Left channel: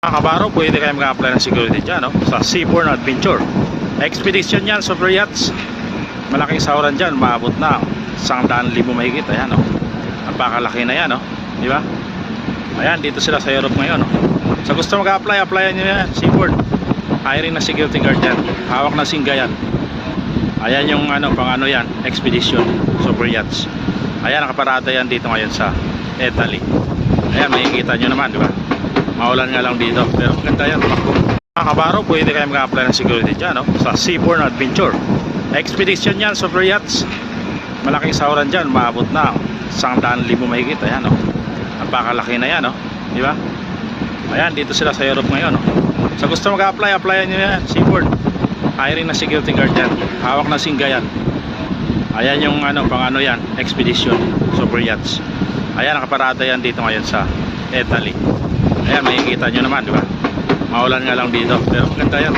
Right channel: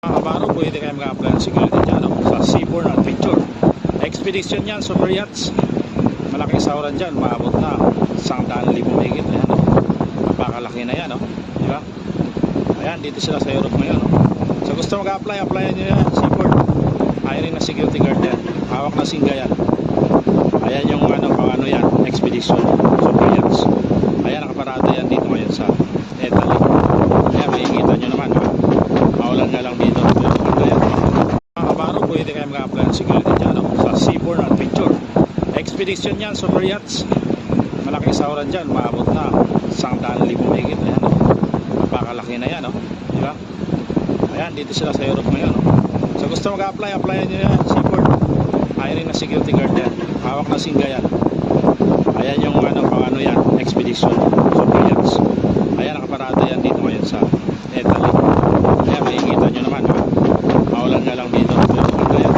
Mga kabaro, pwede kayo mag-apply ng security dyan, no? Sa Seabourn Adventure Expedition yan, super yachts. Malaking sahuran dyan, maabot na 100,000 mahigit. Ayan, no? Napakalaki na yan, no? Di ba? Ayan, dito sila sa Europe ngayon, no? Sa gusto mag-apply, applyan nyo yan. Seabourn, hiring na security guard yan, hawak na singga yan. Ayan yung pang yan, expedition, super yachts. Ayan, nakaparada yan dito ngayon sa Italy. Ayan, makikita nyo naman, di ba? Maulan nga lang dito, pero maganda yan. Mga kabaro, pwede kayo mag-apply ng security dyan, no? Sa Seabourn Adventure Expedition yan, super yachts. Malaking sahuran dyan, maabot na 100,000 mahigit. Ayan, no? Napakalaki na yan, no? Di ba? Ayan, dito sila sa Europe ngayon, no? Sa gusto mag-apply, applyan nyo yan. Seabourn, hiring na security guard yan, hawak na singga yan. Ayan yung pang yan, expedition, super yachts. Ayan, nakaparada yan dito ngayon sa Italy. Ayan, makikita nyo naman, di ba? Maulan nga lang dito, pero maganda yan.